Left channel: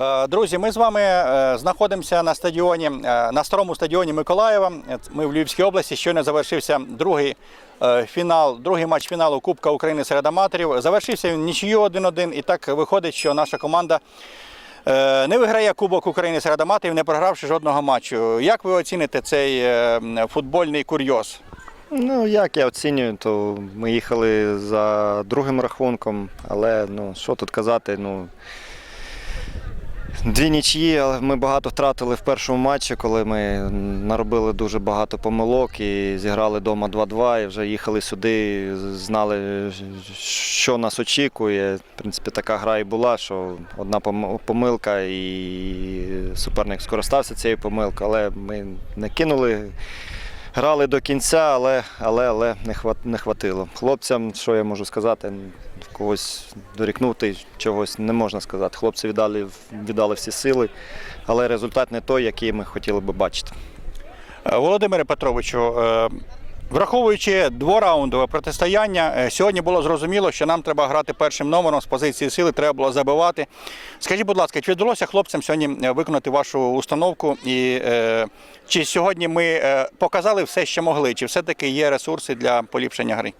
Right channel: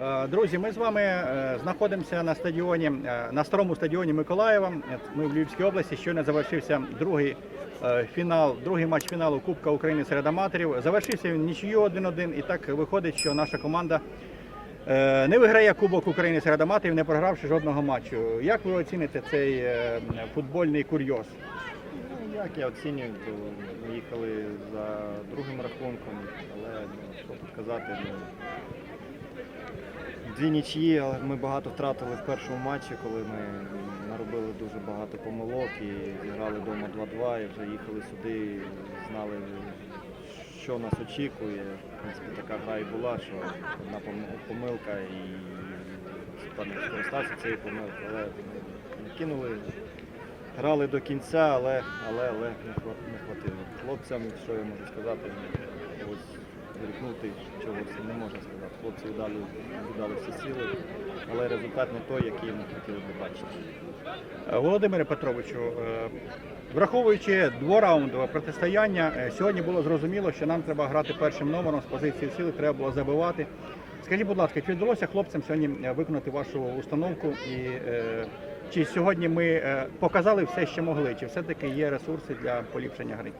Е, Друзі, ми з вами е, знаходимося на стадіоні е, на старому стадіоні Миколаєва. Ми в Львівській області. Щойно завершився другий фінал, другий матч фіналу Кубка України серед аматорів. Завершився він нічию 1-1. І так виходить, що наша команда не виграє Кубок України серед аматорів, не програвши жодного матчу. Як ви оціните цей футбольний курйоз? Ну, як я оцінюю, то ми їхали за другим рахунком, але ну, що тут казати, ну. Дві нічії, але ми багато втратили в першому матчі, коли ми наробили дуже багато помилок і зіграли вдома 2-2 і вже їхали сюди, знали, що нас очікує. В принципі, така гра і була, що одна помилка і суперник скористався цією помилкою, але ми не кинули. Грали до кінця, але, але, але не, хват, не хватило. Хлопцям, що я можу сказати, когось дорікнути чогось не можна сказати. Хлопці віддали, віддали всі сили, але результат не той, який ми хотіли би бачити. Е, Володимире Петровичу, е, враховуючи двораундове протистояння, е, сьогодні було зрозуміло, що нам треба грати першим номером з позиції сили, треба було забивати. Скажіть, будь ласка, чи вдалося хлопцям сьогодні е, виконати вашу установку? І е, чи сьогодні ми е, показали все, що могли? Чи все-таки є ресурси для поліпшення гри?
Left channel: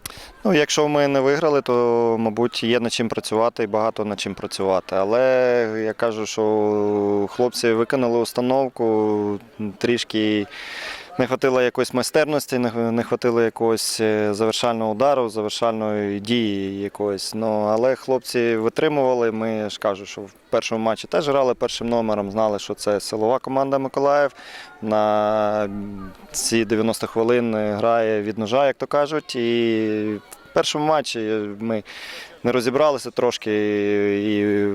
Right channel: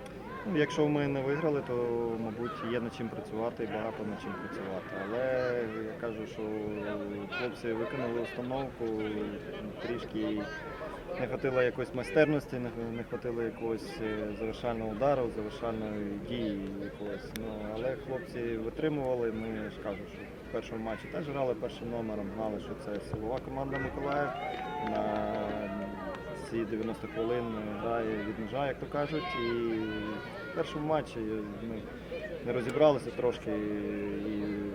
Ну, якщо ми не виграли, то, мабуть, є над чим працювати і багато над чим працювати. Але я кажу, що хлопці виконали установку, трішки не хватило якоїсь майстерності, не хватило якогось е, завершального удару, завершальної дії якоїсь. Ну, але хлопці витримували. Ми ж кажу, що в першому матчі теж грали першим номером, знали, що це силова команда Миколаїв. На ці 90 хвилин грає від ножа, як то кажуть. І першому матчі ми не розібралися трошки. І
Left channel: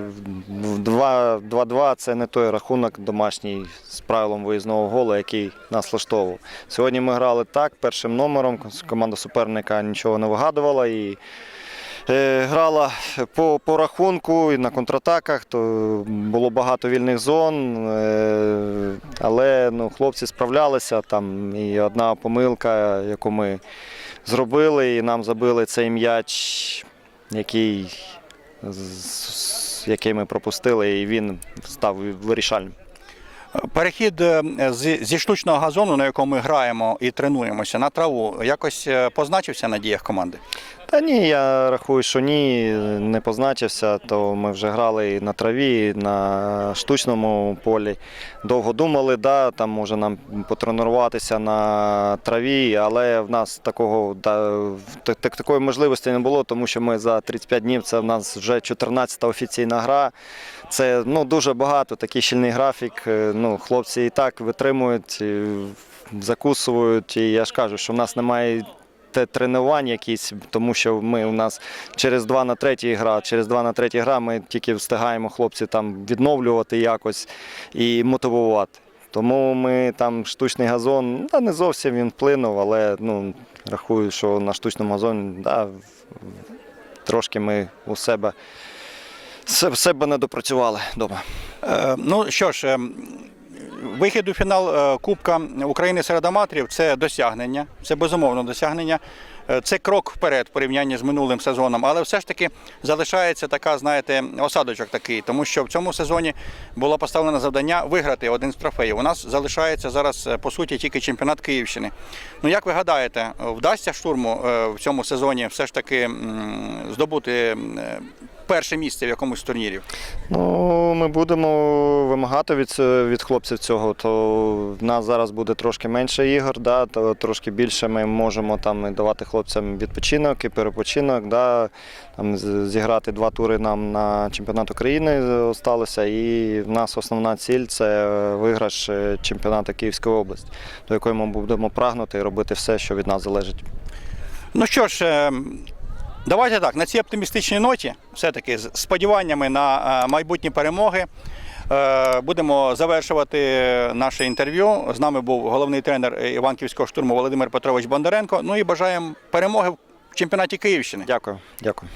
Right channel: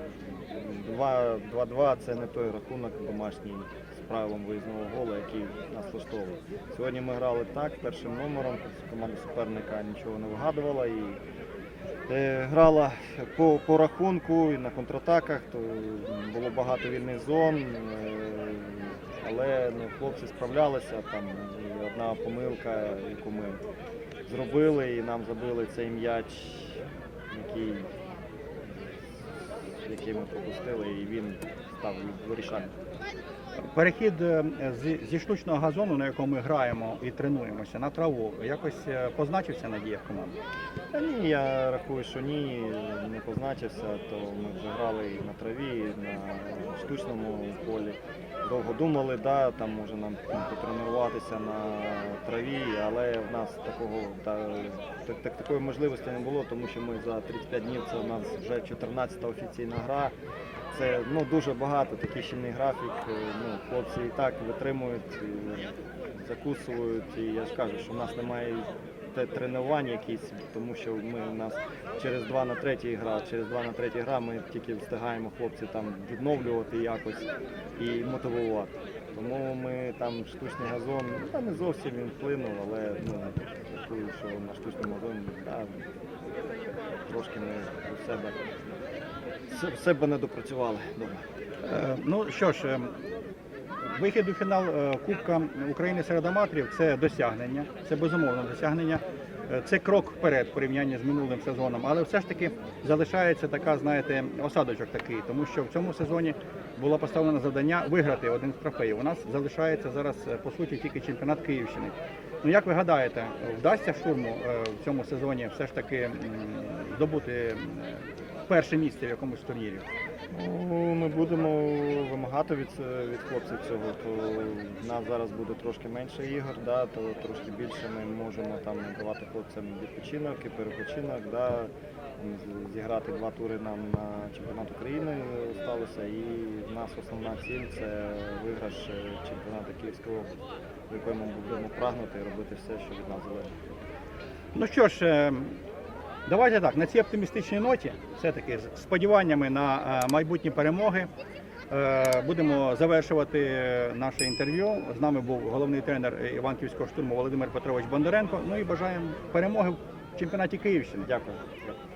в 2 2-2 це не той рахунок домашній з правилом виїзного голу, який нас влаштовував. Сьогодні ми грали так, першим номером. Команда суперника нічого не вигадувала. І Грала по, по рахунку і на контратаках, то було багато вільних зон, е, але ну, хлопці справлялися. Там і одна помилка, яку ми зробили, і нам забили цей м'яч, який, який ми пропустили, і він став вирішальним. Перехід е, зі штучного газону, на якому ми граємо і тренуємося, на траву, якось е, позначився на діях команди? Та ні, я рахую, що ні, не позначився, то ми вже грали на траві, на штучному полі. Довго думали, да, там може нам потренуватися на траві, але в нас такого да, так- такої можливості не було, тому що ми за 35 днів це в нас вже 14-та офіційна гра. Це ну, дуже багато, такий щільний графік. Е, Ну, хлопці і так витримують, закусують. І я ж кажу, що в нас немає тренувань якісь, тому що ми у нас через 2 на 3 гра, через 2 на 3 гра ми тільки встигаємо хлопців там відновлювати якось і мотивувати. Тому ми там штучний газон, да, не зовсім він вплинув, але ну, рахую, що на штучному газоні да, трошки ми у себе, се- все себе не допрацювали вдома. Е, Ну що ж, е, вихід у фінал е, Кубка України серед аматорів це досягнення, це безумовно досягнення. Е, Це крок вперед в порівнянні з минулим сезоном, але все ж таки залишається така, знаєте, осадочок такий, тому що в цьому сезоні було поставлено завдання виграти один з трофеїв. У нас залишається зараз е, по суті тільки чемпіонат Київщини. Ну як ви гадаєте, вдасться штурму е, в цьому сезоні все ж таки здобути перше місце в якомусь з турнірів? Ну, ми будемо вимагати від, від хлопців цього. То в нас зараз буде трошки менше ігор, да, то трошки більше ми можемо там давати хлопцям відпочинок і перепочинок. Да, там, зіграти два тури нам на чемпіонат України залишилося. І в нас основна ціль це виграш е, чемпіонату Київської області, до якої ми будемо прагнути і робити все, що від нас залежить. Ну що ж, е, давайте так, на цій оптимістичній ноті, все-таки з сподіваннями на е, майбутні перемоги. е, Будемо завершувати наше інтерв'ю. З нами був головний тренер Іванківського штурму Володимир Петрович Бондаренко. Ну і бажаємо перемоги в чемпіонаті Київщини. Дякую. Дякую.